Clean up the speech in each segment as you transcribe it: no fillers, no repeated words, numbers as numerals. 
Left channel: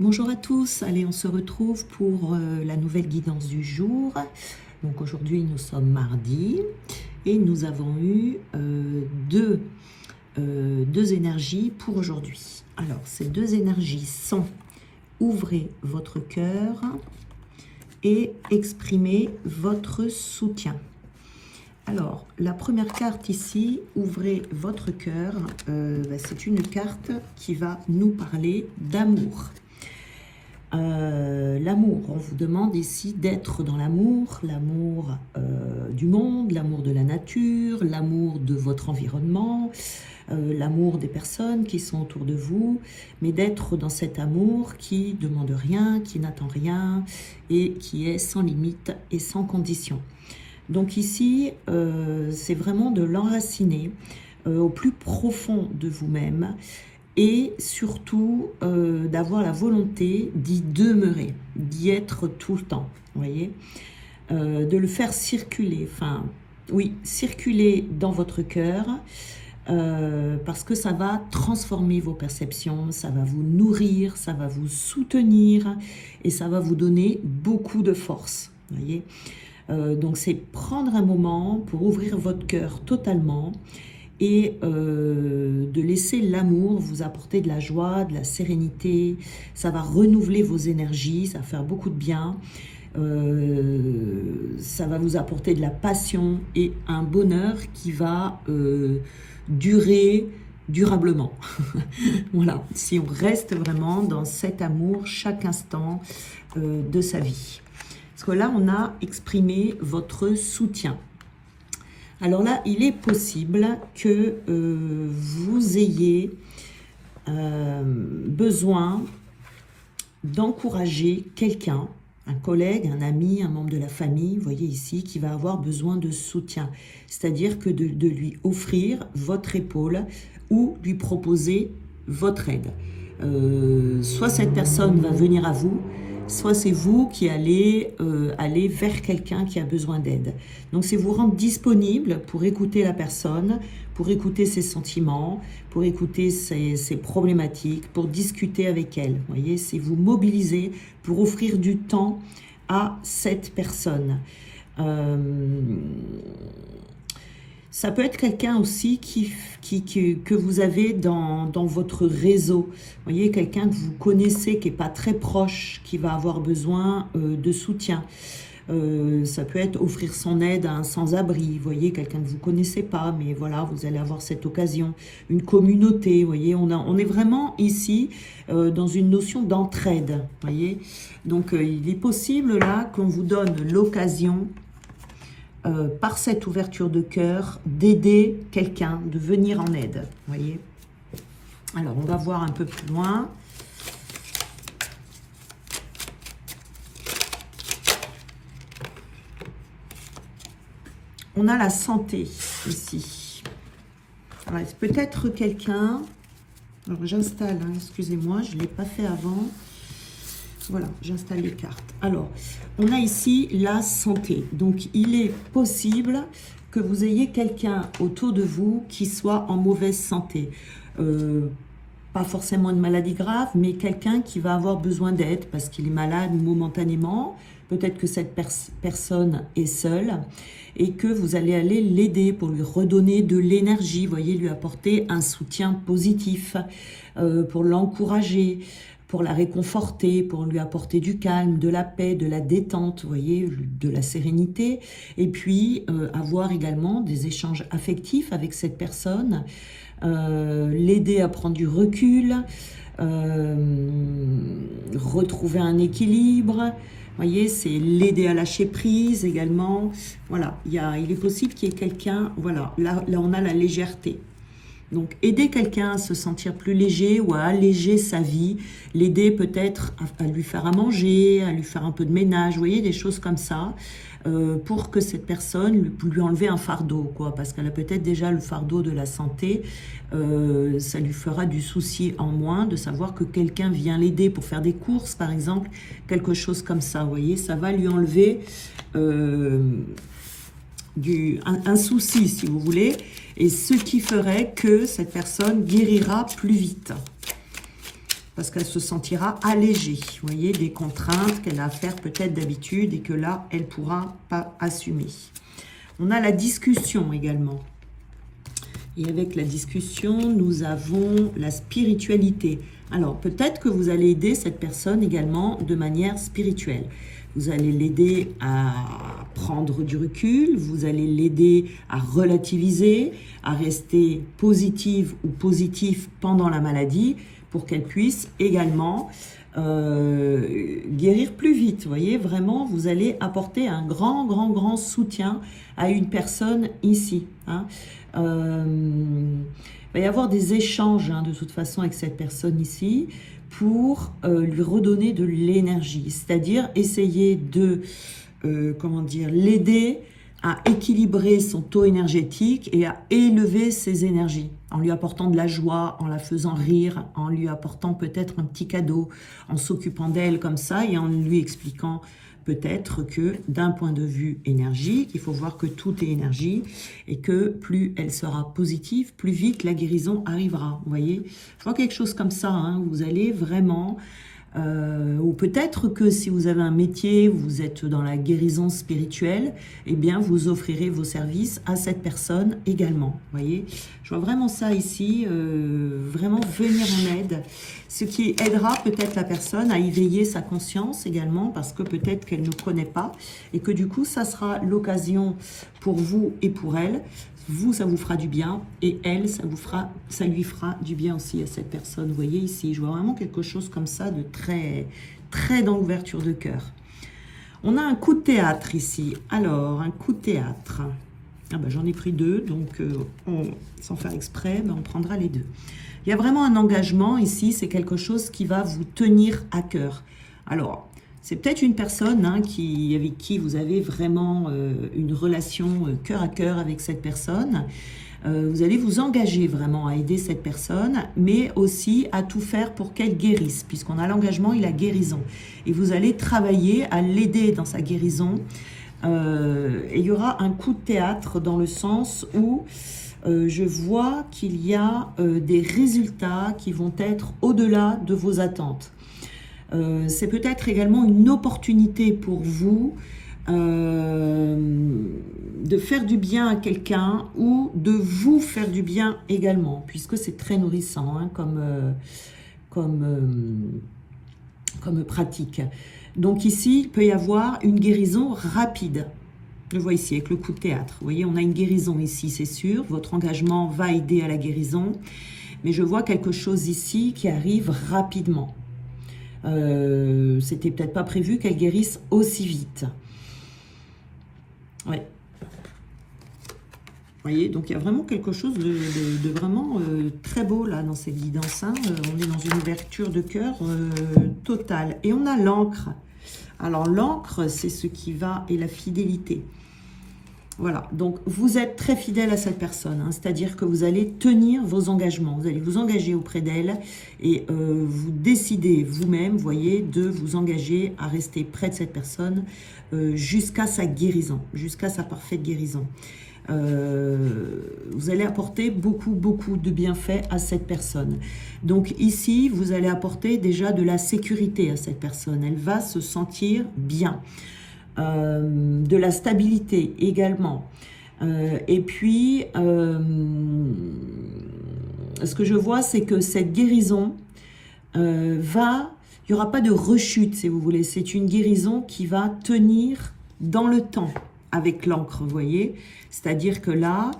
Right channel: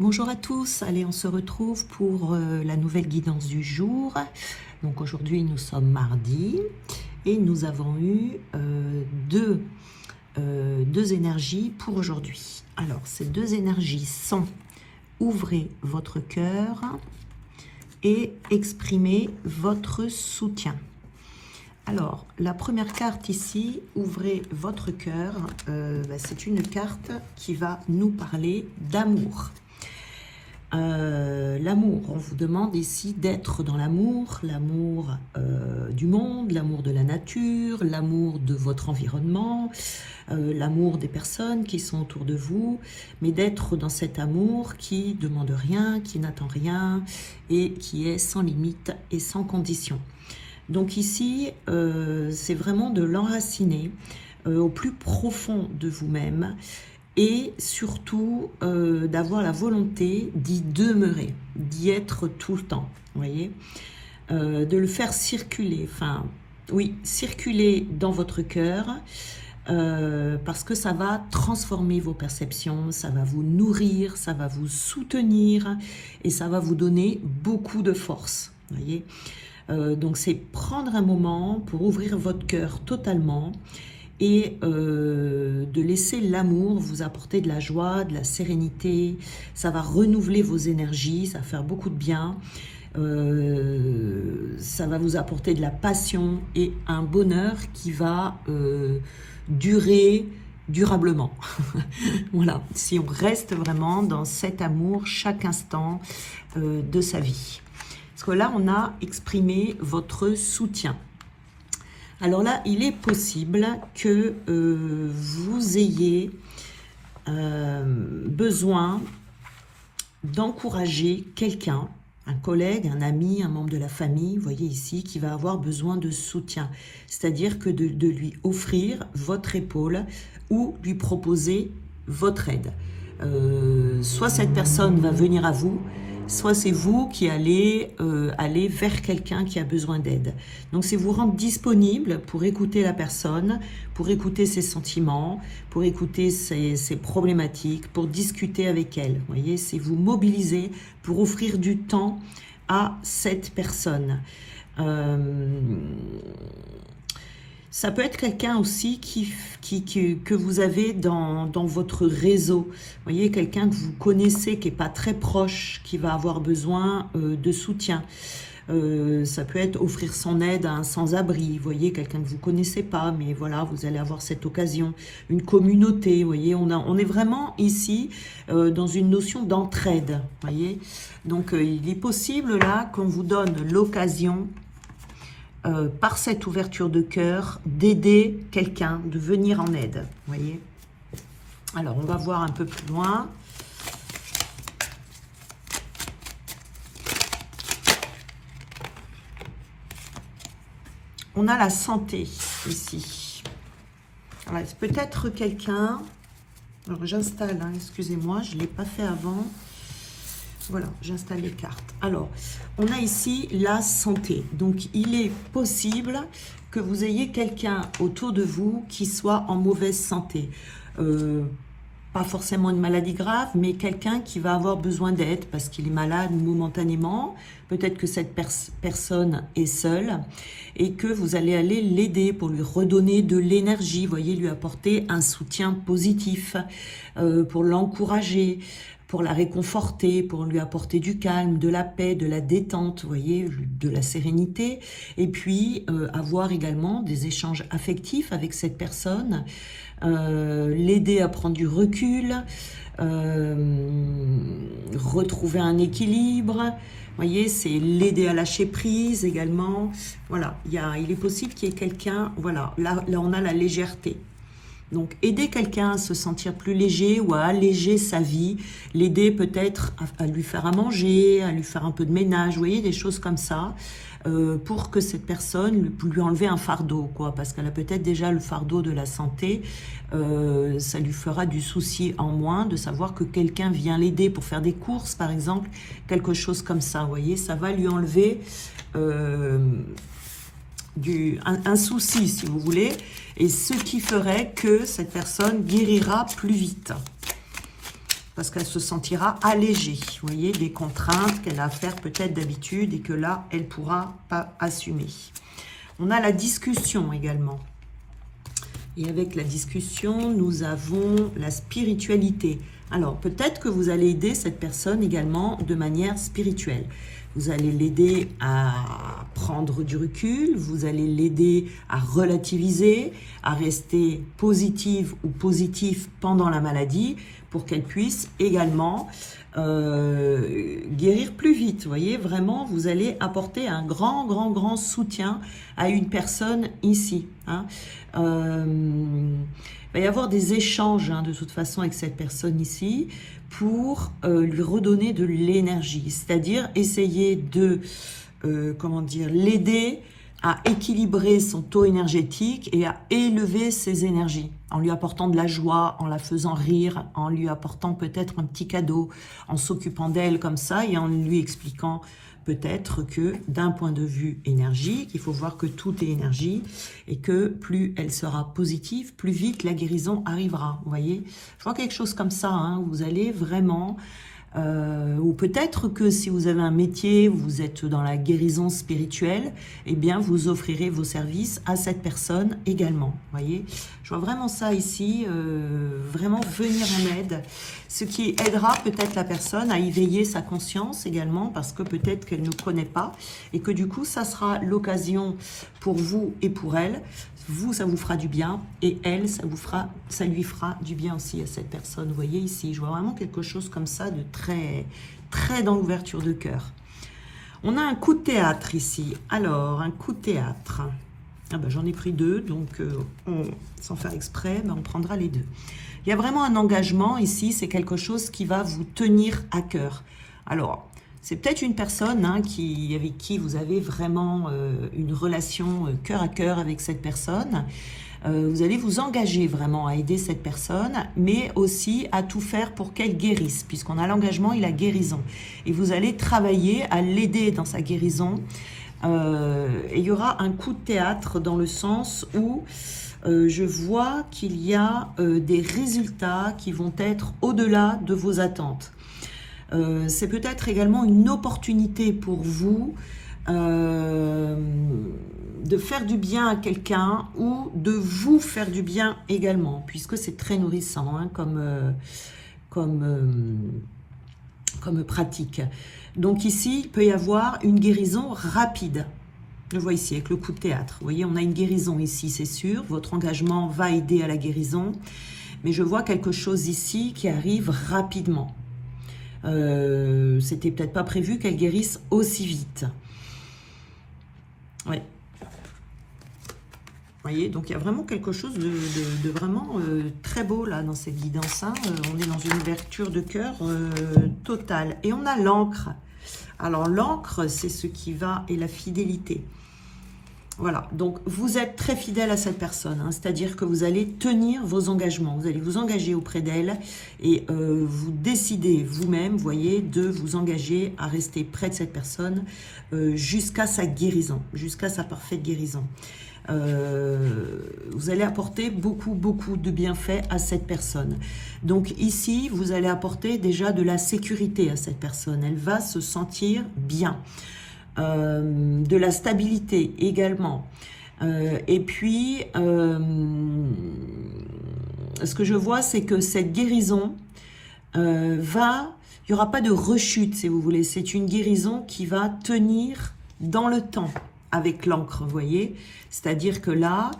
Bonjour à tous, allez on se retrouve pour la nouvelle guidance du jour. Donc aujourd'hui nous sommes mardi et nous avons eu deux énergies pour aujourd'hui. Alors ces deux énergies sont: ouvrez votre cœur et exprimez votre soutien. Alors, la première carte ici, ouvrez votre cœur, c'est une carte qui va nous parler d'amour. L'amour, on vous demande ici d'être dans l'amour, l'amour du monde, l'amour de la nature, l'amour de votre environnement, l'amour des personnes qui sont autour de vous, mais d'être dans cet amour qui ne demande rien, qui n'attend rien et qui est sans limite et sans condition. Donc ici, c'est vraiment de l'enraciner au plus profond de vous-même et surtout d'avoir la volonté d'y demeurer, d'y être tout le temps, vous voyez, de le faire circuler, circuler dans votre cœur, parce que ça va transformer vos perceptions, ça va vous nourrir, ça va vous soutenir et ça va vous donner beaucoup de force, vous voyez. Donc c'est prendre un moment pour ouvrir votre cœur totalement et de laisser l'amour vous apporter de la joie, de la sérénité. Ça va renouveler vos énergies, ça va faire beaucoup de bien. Ça va vous apporter de la passion et un bonheur qui va durer durablement. Voilà, si on reste vraiment dans cet amour chaque instant de sa vie. Parce que là, on a exprimé votre soutien. Alors là, il est possible que vous ayez besoin d'encourager quelqu'un, un collègue, un ami, un membre de la famille, vous voyez ici, qui va avoir besoin de soutien. C'est-à-dire que de lui offrir votre épaule ou lui proposer votre aide. Soit cette personne va venir à vous, soit c'est vous qui allez aller vers quelqu'un qui a besoin d'aide. Donc c'est vous rendre disponible pour écouter la personne, pour écouter ses sentiments, pour écouter ses problématiques, pour discuter avec elle. Vous voyez, c'est vous mobiliser pour offrir du temps à cette personne. Ça peut être quelqu'un aussi que vous avez dans votre réseau. Vous voyez, quelqu'un que vous connaissez, qui n'est pas très proche, qui va avoir besoin de soutien. Ça peut être offrir son aide à un sans-abri. Vous voyez, quelqu'un que vous ne connaissez pas, mais voilà, vous allez avoir cette occasion. Une communauté, vous voyez, on est vraiment ici dans une notion d'entraide. Vous voyez, donc il est possible là qu'on vous donne l'occasion par cette ouverture de cœur, d'aider quelqu'un, de venir en aide. Vous voyez. Alors, on va voir un peu plus loin. On a la santé ici. C'est peut-être quelqu'un... Alors, j'installe, excusez-moi, je ne l'ai pas fait avant. Voilà, j'installe les cartes. Alors, on a ici la santé. Donc, il est possible que vous ayez quelqu'un autour de vous qui soit en mauvaise santé. Pas forcément une maladie grave, mais quelqu'un qui va avoir besoin d'aide parce qu'il est malade momentanément. Peut-être que cette personne est seule et que vous allez aller l'aider pour lui redonner de l'énergie. Vous voyez, lui apporter un soutien positif, pour l'encourager, pour la réconforter, pour lui apporter du calme, de la paix, de la détente, vous voyez, de la sérénité. Et puis, avoir également des échanges affectifs avec cette personne, l'aider à prendre du recul, retrouver un équilibre. Vous voyez, c'est l'aider à lâcher prise également. Voilà, il est possible qu'il y ait quelqu'un, voilà, là on a la légèreté. Donc, aider quelqu'un à se sentir plus léger ou à alléger sa vie, l'aider peut-être à lui faire à manger, à lui faire un peu de ménage, vous voyez, des choses comme ça, pour que cette personne lui enlever un fardeau, quoi, parce qu'elle a peut-être déjà le fardeau de la santé, ça lui fera du souci en moins de savoir que quelqu'un vient l'aider pour faire des courses, par exemple, quelque chose comme ça, vous voyez, ça va lui enlever un souci, si vous voulez, et ce qui ferait que cette personne guérira plus vite. parce qu'elle se sentira allégée, vous voyez, des contraintes qu'elle a à faire peut-être d'habitude et que là, elle ne pourra pas assumer. On a la discussion également. Et avec la discussion, nous avons la spiritualité. Alors, peut-être que vous allez aider cette personne également de manière spirituelle. Vous allez l'aider à prendre du recul, vous allez l'aider à relativiser, à rester positive ou positif pendant la maladie pour qu'elle puisse également guérir plus vite. Vous voyez, vraiment, vous allez apporter un grand soutien à une personne ici. Hein. Il va y avoir des échanges de toute façon avec cette personne ici pour lui redonner de l'énergie, c'est-à-dire essayer de comment dire, l'aider à équilibrer son taux énergétique et à élever ses énergies en lui apportant de la joie, en la faisant rire, en lui apportant peut-être un petit cadeau, en s'occupant d'elle comme ça et en lui expliquant peut-être que d'un point de vue énergique, il faut voir que tout est énergie et que plus elle sera positive, plus vite la guérison arrivera. Vous voyez, je vois quelque chose comme ça, hein, vous allez vraiment... ou peut-être que si vous avez un métier, vous êtes dans la guérison spirituelle, eh bien vous offrirez vos services à cette personne également. Vous voyez, je vois vraiment ça ici, vraiment venir en aide, ce qui aidera peut-être la personne à éveiller sa conscience également, parce que peut-être qu'elle ne connaît pas, et que du coup ça sera l'occasion pour vous et pour elle. Vous, ça vous fera du bien, et elle, ça lui fera du bien aussi à cette personne. Vous voyez ici, je vois vraiment quelque chose comme ça de très dans l'ouverture de cœur. On a un coup de théâtre ici. Alors, un coup de théâtre. Ah ben, j'en ai pris deux, donc sans faire exprès, ben, on prendra les deux. Il y a vraiment un engagement ici, c'est quelque chose qui va vous tenir à cœur. Alors, c'est peut-être une personne hein, avec qui vous avez vraiment une relation cœur à cœur avec cette personne. Vous allez vous engager vraiment à aider cette personne, mais aussi à tout faire pour qu'elle guérisse, puisqu'on a l'engagement et la guérison. Et vous allez travailler à l'aider dans sa guérison. Et il y aura un coup de théâtre dans le sens où je vois qu'il y a des résultats qui vont être au-delà de vos attentes. C'est peut-être également une opportunité pour vous de faire du bien à quelqu'un ou de vous faire du bien également, puisque c'est très nourrissant hein, comme pratique. Donc ici, il peut y avoir une guérison rapide. Je vois ici avec le coup de théâtre. Vous voyez, on a une guérison ici, c'est sûr. Votre engagement va aider à la guérison. Mais je vois quelque chose ici qui arrive rapidement. C'était peut-être pas prévu qu'elle guérisse aussi vite. Ouais. Vous voyez, donc il y a vraiment quelque chose de vraiment très beau là dans cette guidance. Hein. On est dans une ouverture de cœur totale. Et on a l'encre. Alors l'encre, c'est ce qui va et la fidélité. Voilà, donc vous êtes très fidèle à cette personne, hein, c'est-à-dire que vous allez tenir vos engagements, vous allez vous engager auprès d'elle et vous décidez vous-même, voyez, de vous engager à rester près de cette personne jusqu'à sa guérison, jusqu'à sa parfaite guérison. Vous allez apporter beaucoup de bienfaits à cette personne. Donc ici, vous allez apporter déjà de la sécurité à cette personne, elle va se sentir bien. De la stabilité également. Et puis, ce que je vois, c'est que cette guérison il n'y aura pas de rechute, si vous voulez. C'est une guérison qui va tenir dans le temps avec l'encre, vous voyez. C'est-à-dire que là,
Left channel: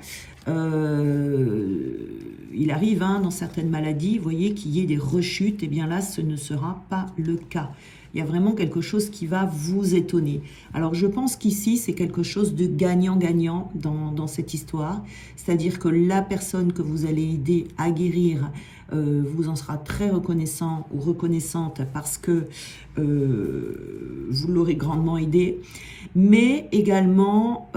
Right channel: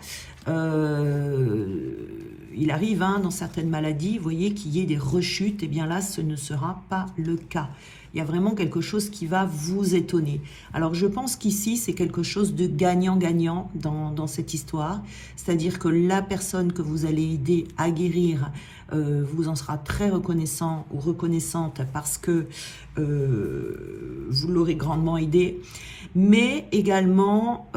il arrive hein, dans certaines maladies, vous voyez, qu'il y ait des rechutes. Et bien là, ce ne sera pas le cas. Il y a vraiment quelque chose qui va vous étonner. Alors, je pense qu'ici, c'est quelque chose de gagnant-gagnant dans cette histoire. C'est-à-dire que la personne que vous allez aider à guérir vous en sera très reconnaissant ou reconnaissante parce que vous l'aurez grandement aidé. Mais également,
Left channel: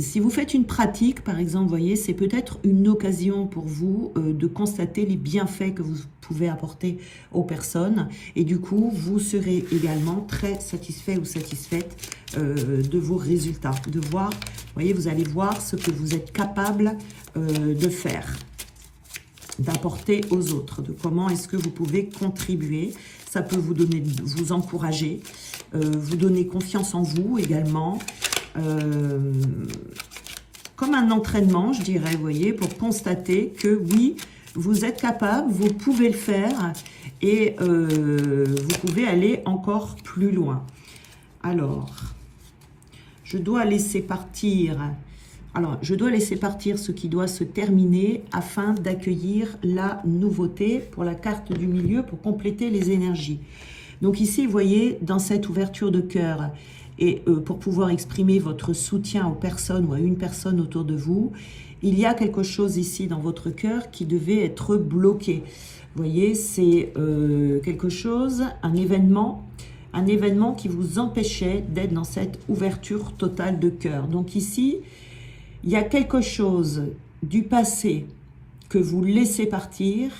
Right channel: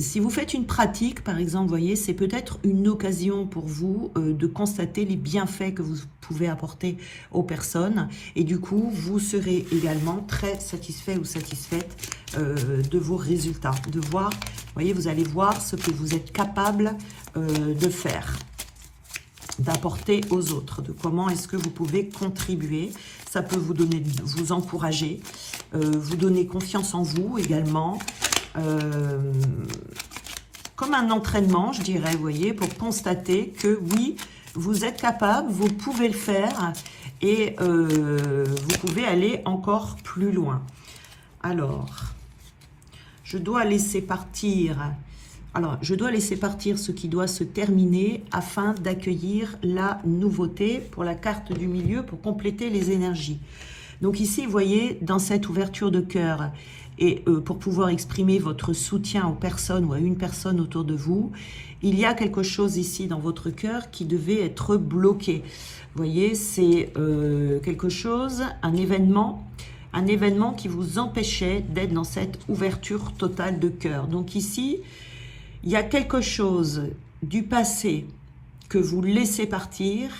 si vous faites une pratique, par exemple, vous voyez, c'est peut-être une occasion pour vous de constater les bienfaits que vous pouvez apporter aux personnes. Et du coup, vous serez également très satisfait ou satisfaite de vos résultats. De voir, vous voyez, vous allez voir ce que vous êtes capable de faire. d'apporter aux autres, de comment est-ce que vous pouvez contribuer. Ça peut vous donner, vous encourager, vous donner confiance en vous également, comme un entraînement, je dirais, vous voyez, pour constater que oui, vous êtes capable, vous pouvez le faire et vous pouvez aller encore plus loin. Alors, je dois laisser partir ce qui doit se terminer afin d'accueillir la nouveauté pour la carte du milieu pour compléter les énergies. Donc ici, vous voyez, dans cette ouverture de cœur, et pour pouvoir exprimer votre soutien aux personnes ou à une personne autour de vous, il y a quelque chose ici dans votre cœur qui devait être bloqué. Vous voyez, c'est quelque chose, un événement qui vous empêchait d'être dans cette ouverture totale de cœur. Donc ici, il y a quelque chose du passé que vous laissez partir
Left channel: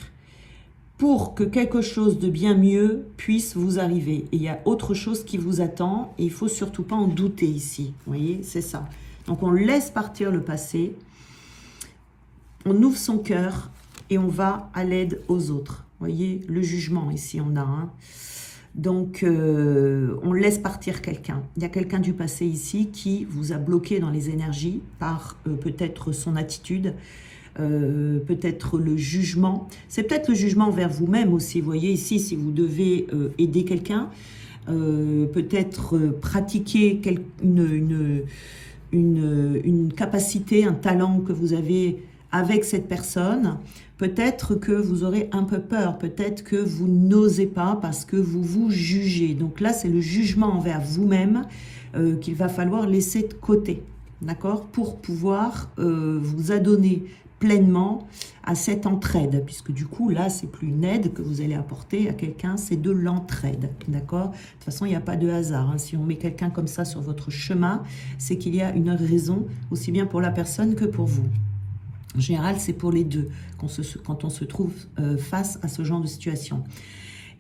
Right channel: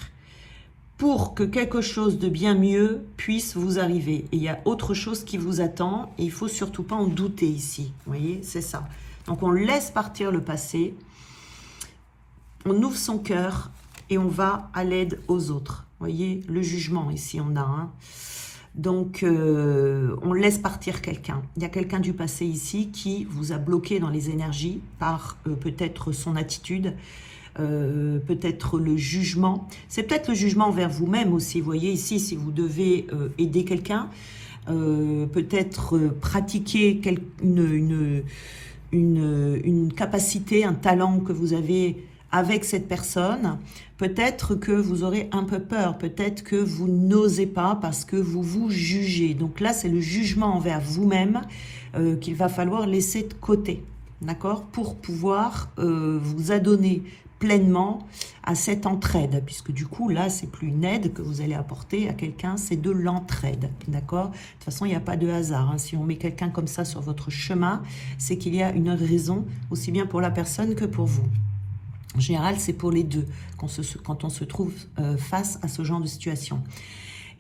pour que quelque chose de bien mieux puisse vous arriver. Et il y a autre chose qui vous attend et il ne faut surtout pas en douter ici. Vous voyez, c'est ça. Donc on laisse partir le passé, on ouvre son cœur et on va à l'aide aux autres. Vous voyez, le jugement ici on a un. Donc, on laisse partir quelqu'un. Il y a quelqu'un du passé ici qui vous a bloqué dans les énergies par peut-être son attitude, peut-être le jugement. C'est peut-être le jugement envers vous-même aussi. Vous voyez ici, si vous devez aider quelqu'un, peut-être pratiquer une capacité, un talent que vous avez avec cette personne, peut-être que vous aurez un peu peur, peut-être que vous n'osez pas parce que vous vous jugez. Donc là, c'est le jugement envers vous-même qu'il va falloir laisser de côté, d'accord, pour pouvoir vous adonner pleinement à cette entraide, puisque du coup, là, c'est plus une aide que vous allez apporter à quelqu'un, c'est de l'entraide, d'accord. De toute façon, il n'y a pas de hasard, hein. Si on met quelqu'un comme ça sur votre chemin, c'est qu'il y a une raison, aussi bien pour la personne que pour vous. En général, c'est pour les deux, quand on se trouve face à ce genre de situation.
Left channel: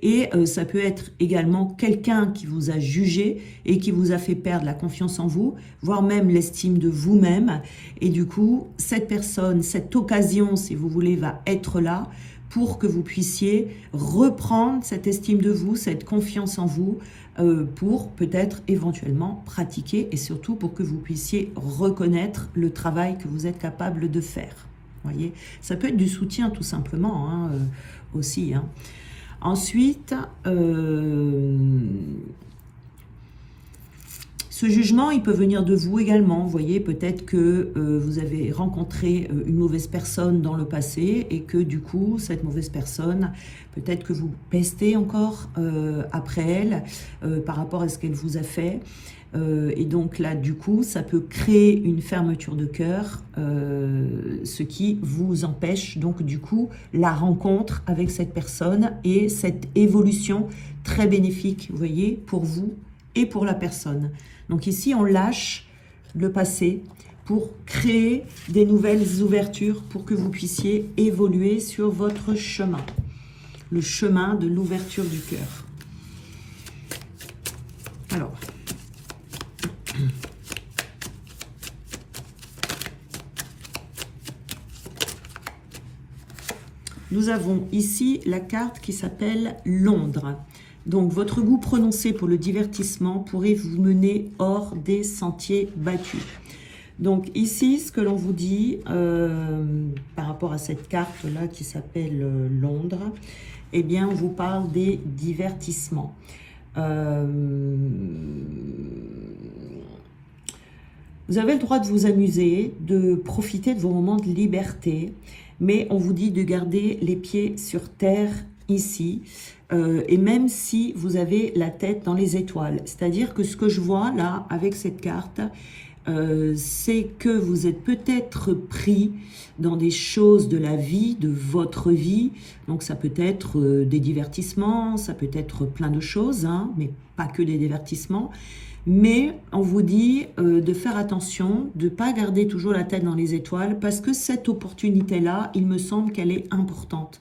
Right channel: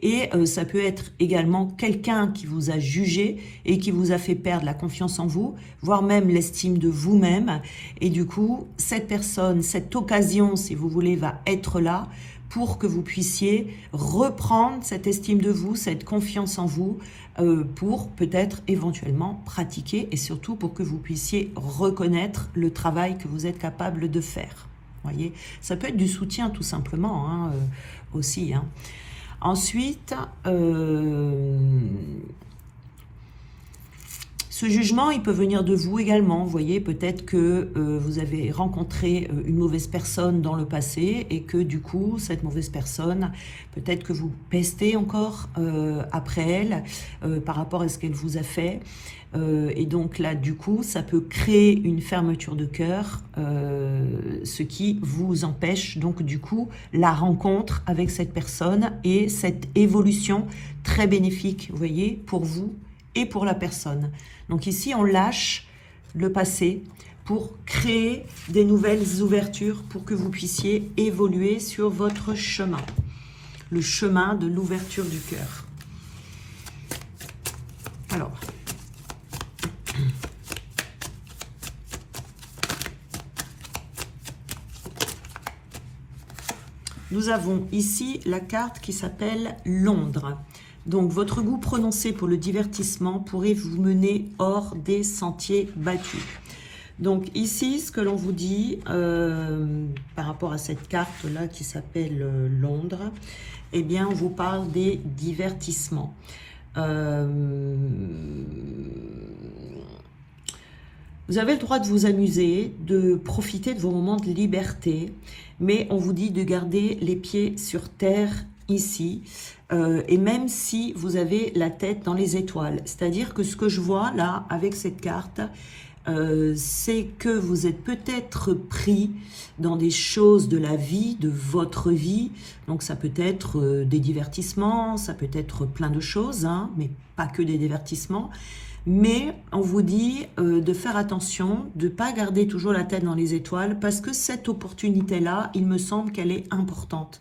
Et ça peut être également quelqu'un qui vous a jugé et qui vous a fait perdre la confiance en vous, voire même l'estime de vous-même. Et du coup, cette personne, cette occasion, si vous voulez, va être là pour que vous puissiez reprendre cette estime de vous, cette confiance en vous, pour peut-être éventuellement pratiquer et surtout pour que vous puissiez reconnaître le travail que vous êtes capable de faire. Voyez, ça peut être du soutien tout simplement, hein, aussi. Hein. Ensuite, ce jugement, il peut venir de vous également. Vous voyez, peut-être que vous avez rencontré une mauvaise personne dans le passé et que du coup, cette mauvaise personne, peut-être que vous pestez encore après elle par rapport à ce qu'elle vous a fait. Et donc là, du coup, ça peut créer une fermeture de cœur, ce qui vous empêche donc du coup la rencontre avec cette personne et cette évolution très bénéfique, vous voyez, pour vous et pour la personne. Donc ici, on lâche le passé pour créer des nouvelles ouvertures pour que vous puissiez évoluer sur votre chemin, le chemin de l'ouverture du cœur. Alors, nous avons ici la carte qui s'appelle Londres. Donc, votre goût prononcé pour le divertissement pourrait vous mener hors des sentiers battus. Donc, ici, ce que l'on vous dit par rapport à cette carte-là qui s'appelle Londres, eh bien, on vous parle des divertissements. Vous avez le droit de vous amuser, de profiter de vos moments de liberté, mais on vous dit de garder les pieds sur terre ici, et même si vous avez la tête dans les étoiles. C'est-à-dire que ce que je vois là, avec cette carte, c'est que vous êtes peut-être pris dans des choses de la vie, de votre vie. Donc ça peut être des divertissements, ça peut être plein de choses, hein, mais pas que des divertissements. Mais on vous dit de faire attention, de ne pas garder toujours la tête dans les étoiles, parce que cette opportunité-là, il me semble qu'elle est importante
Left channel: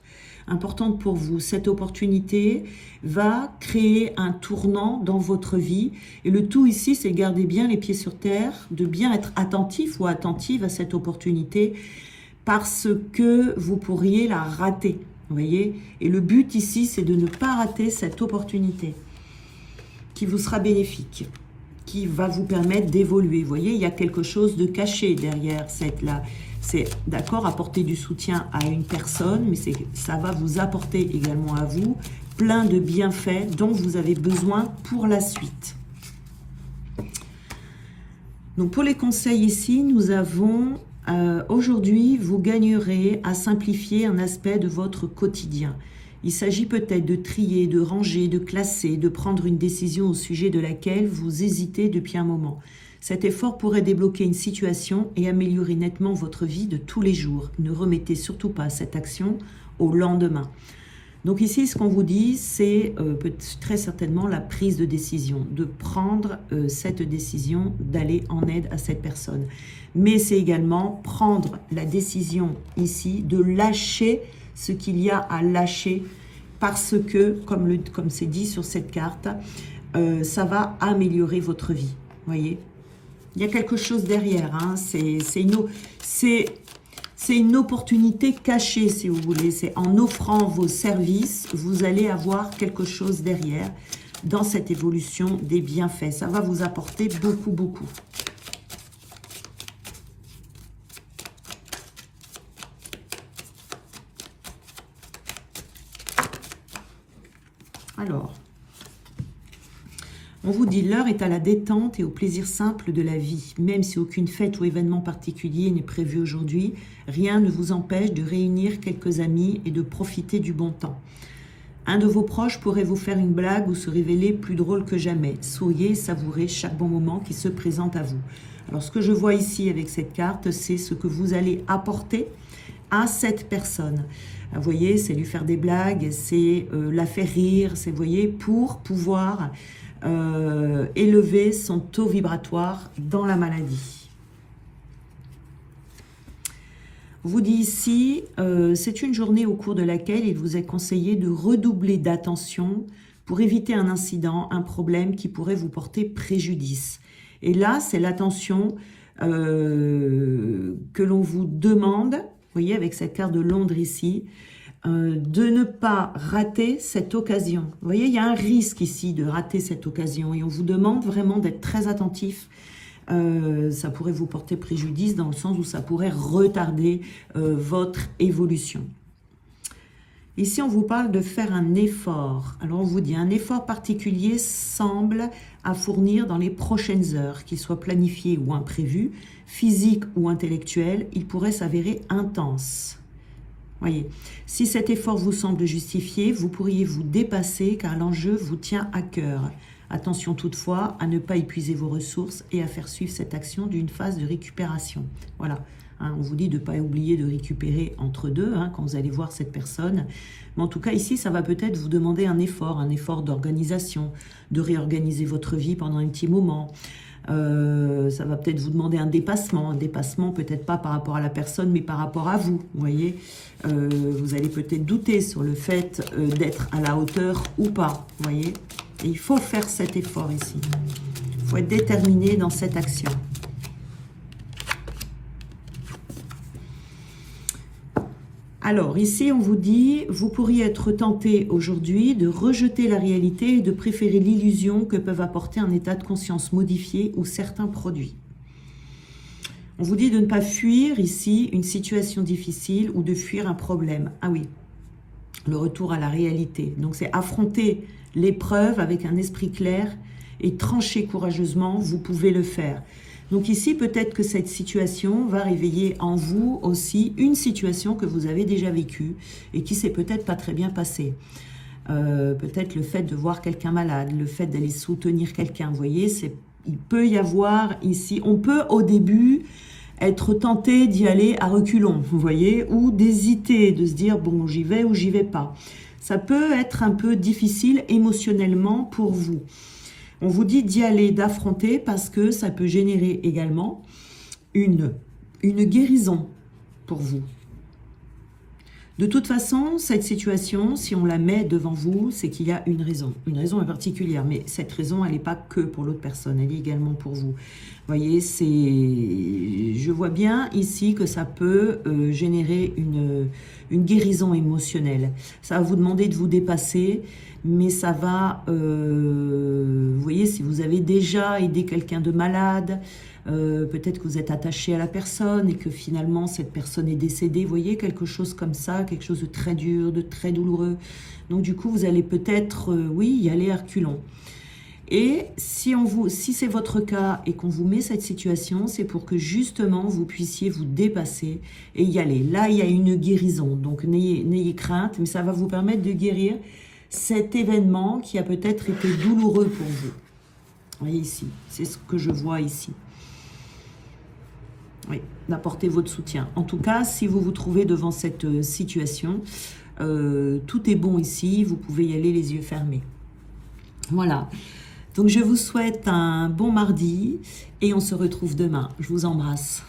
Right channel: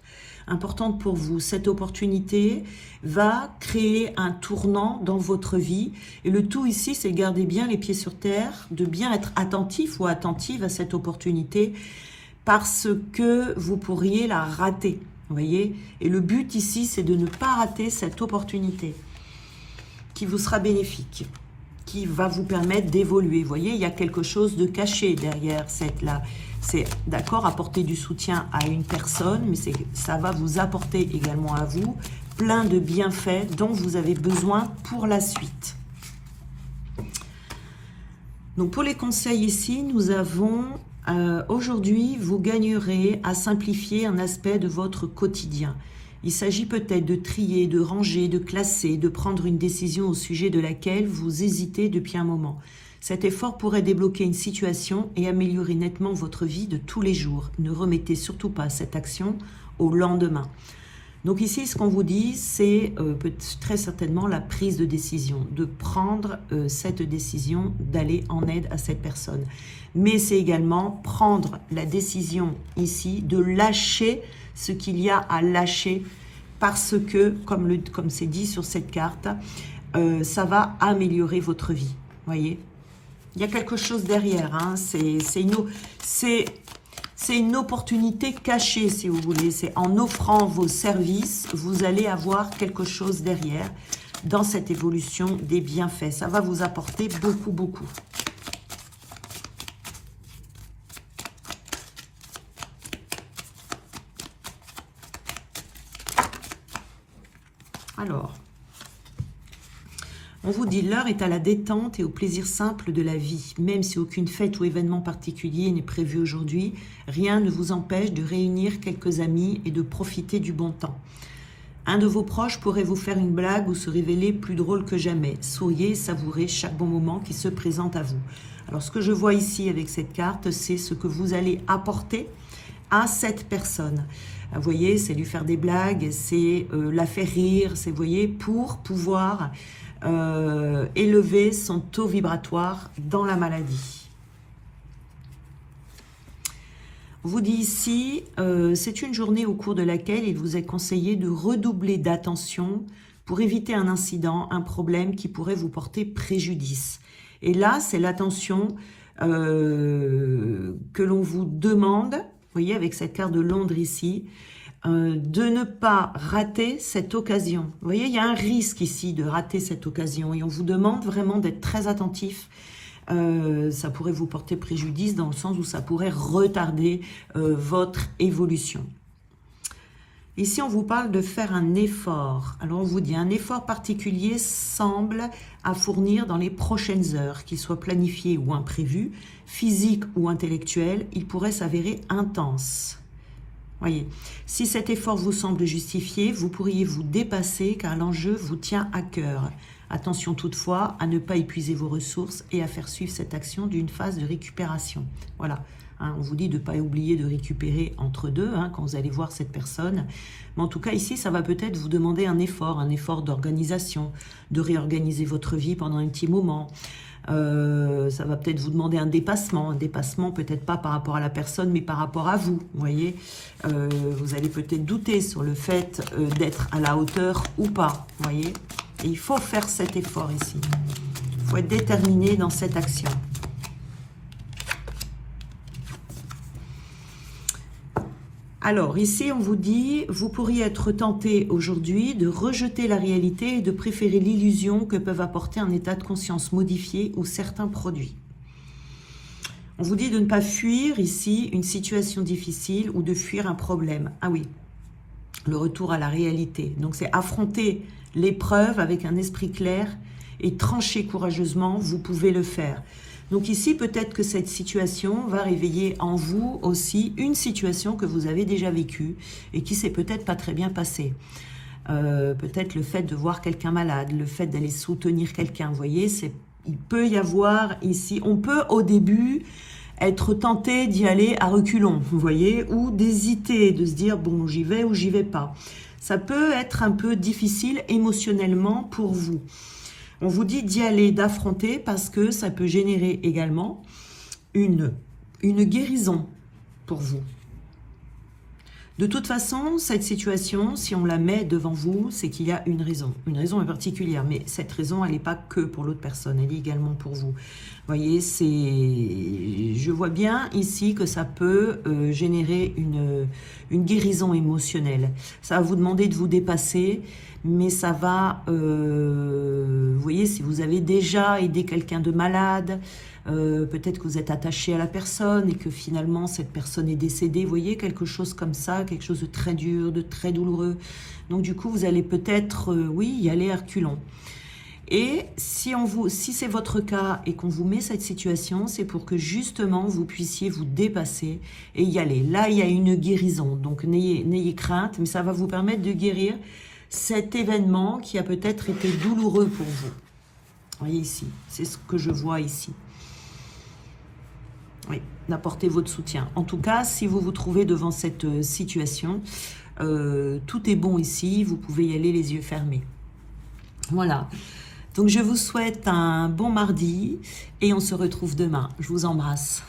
pour vous. Cette opportunité va créer un tournant dans votre vie. Et le tout ici, c'est de garder bien les pieds sur terre, de bien être attentif ou attentive à cette opportunité, parce que vous pourriez la rater. Vous voyez? Et le but ici, c'est de ne pas rater cette opportunité qui vous sera bénéfique, qui va vous permettre d'évoluer. Vous voyez, il y a quelque chose de caché derrière cette là. C'est d'accord, apporter du soutien à une personne, mais ça va vous apporter également à vous plein de bienfaits dont vous avez besoin pour la suite. Donc pour les conseils ici, nous avons aujourd'hui, vous gagnerez à simplifier un aspect de votre quotidien. Il s'agit peut-être de trier, de ranger, de classer, de prendre une décision au sujet de laquelle vous hésitez depuis un moment. Cet effort pourrait débloquer une situation et améliorer nettement votre vie de tous les jours. Ne remettez surtout pas cette action au lendemain. Donc ici, ce qu'on vous dit, c'est très certainement la prise de décision, de prendre cette décision d'aller en aide à cette personne. Mais c'est également prendre la décision ici de lâcher ce qu'il y a à lâcher parce que, comme c'est dit sur cette carte, ça va améliorer votre vie. Voyez, il y a quelque chose derrière, hein. C'est une opportunité cachée, si vous voulez. C'est en offrant vos services, vous allez avoir quelque chose derrière dans cette évolution des bienfaits. Ça va vous apporter beaucoup, beaucoup. Alors, on vous dit, l'heure est à la détente et au plaisir simple de la vie. Même si aucune fête ou événement particulier n'est prévu aujourd'hui, rien ne vous empêche de réunir quelques amis et de profiter du bon temps. Un de vos proches pourrait vous faire une blague ou se révéler plus drôle que jamais. Souriez et savourez chaque bon moment qui se présente à vous. Alors, ce que je vois ici avec cette carte, c'est ce que vous allez apporter à cette personne. Vous voyez, c'est lui faire des blagues, c'est la faire rire, c'est, vous voyez, pour pouvoir élever son taux vibratoire dans la maladie. On vous dit ici, c'est une journée au cours de laquelle il vous est conseillé de redoubler d'attention pour éviter un incident, un problème qui pourrait vous porter préjudice. Et là, c'est l'attention que l'on vous demande, vous voyez, avec cette carte de Londres ici, de ne pas rater cette occasion. Vous voyez, il y a un risque ici de rater cette occasion et on vous demande vraiment d'être très attentif. Ça pourrait vous porter préjudice dans le sens où ça pourrait retarder votre évolution. Ici, on vous parle de faire un effort. Alors, on vous dit, un effort particulier semble à fournir dans les prochaines heures, qu'il soit planifié ou imprévu, physique ou intellectuel, il pourrait s'avérer intense. Voyez, si cet effort vous semble justifié, vous pourriez vous dépasser car l'enjeu vous tient à cœur. Attention toutefois à ne pas épuiser vos ressources et à faire suivre cette action d'une phase de récupération. Voilà, hein, on vous dit de ne pas oublier de récupérer entre deux quand vous allez voir cette personne. Mais en tout cas ici, ça va peut-être vous demander un effort d'organisation, de réorganiser votre vie pendant un petit moment. Ça va peut-être vous demander un dépassement peut-être pas par rapport à la personne mais par rapport à vous, vous voyez, vous allez peut-être douter sur le fait d'être à la hauteur ou pas, vous voyez, et il faut faire cet effort ici, il faut être déterminé dans cette action. Alors, ici, on vous dit, vous pourriez être tenté aujourd'hui de rejeter la réalité et de préférer l'illusion que peuvent apporter un état de conscience modifié ou certains produits. On vous dit de ne pas fuir ici une situation difficile ou de fuir un problème. Ah oui, le retour à la réalité. Donc, c'est affronter l'épreuve avec un esprit clair et trancher courageusement, vous pouvez le faire. Donc ici, peut-être que cette situation va réveiller en vous aussi une situation que vous avez déjà vécue et qui s'est peut-être pas très bien passée. Peut-être le fait de voir quelqu'un malade, le fait d'aller soutenir quelqu'un, vous voyez, il peut y avoir ici, on peut au début être tenté d'y aller à reculons, vous voyez, ou d'hésiter, de se dire, bon, j'y vais ou j'y vais pas. Ça peut être un peu difficile émotionnellement pour vous. On vous dit d'y aller, d'affronter, parce que ça peut générer également une guérison pour vous. De toute façon, cette situation, si on la met devant vous, c'est qu'il y a une raison en particulière, mais cette raison, elle n'est pas que pour l'autre personne, elle est également pour vous. Vous voyez, je vois bien ici que ça peut générer une guérison émotionnelle. Ça va vous demander de vous dépasser, mais ça va, vous voyez, si vous avez déjà aidé quelqu'un de malade, peut-être que vous êtes attaché à la personne et que finalement cette personne est décédée, vous voyez, quelque chose comme ça, quelque chose de très dur, de très douloureux. Donc du coup, vous allez peut-être, oui, y aller à reculons. Et si c'est votre cas et qu'on vous met cette situation, c'est pour que justement vous puissiez vous dépasser et y aller. Là, il y a une guérison, donc n'ayez crainte, mais ça va vous permettre de guérir cet événement qui a peut-être été douloureux pour vous. Vous voyez ici, c'est ce que je vois ici. Oui, d'apporter votre soutien. En tout cas, si vous vous trouvez devant cette situation, tout est bon ici, vous pouvez y aller les yeux fermés. Voilà. Donc je vous souhaite un bon mardi et on se retrouve demain. Je vous embrasse.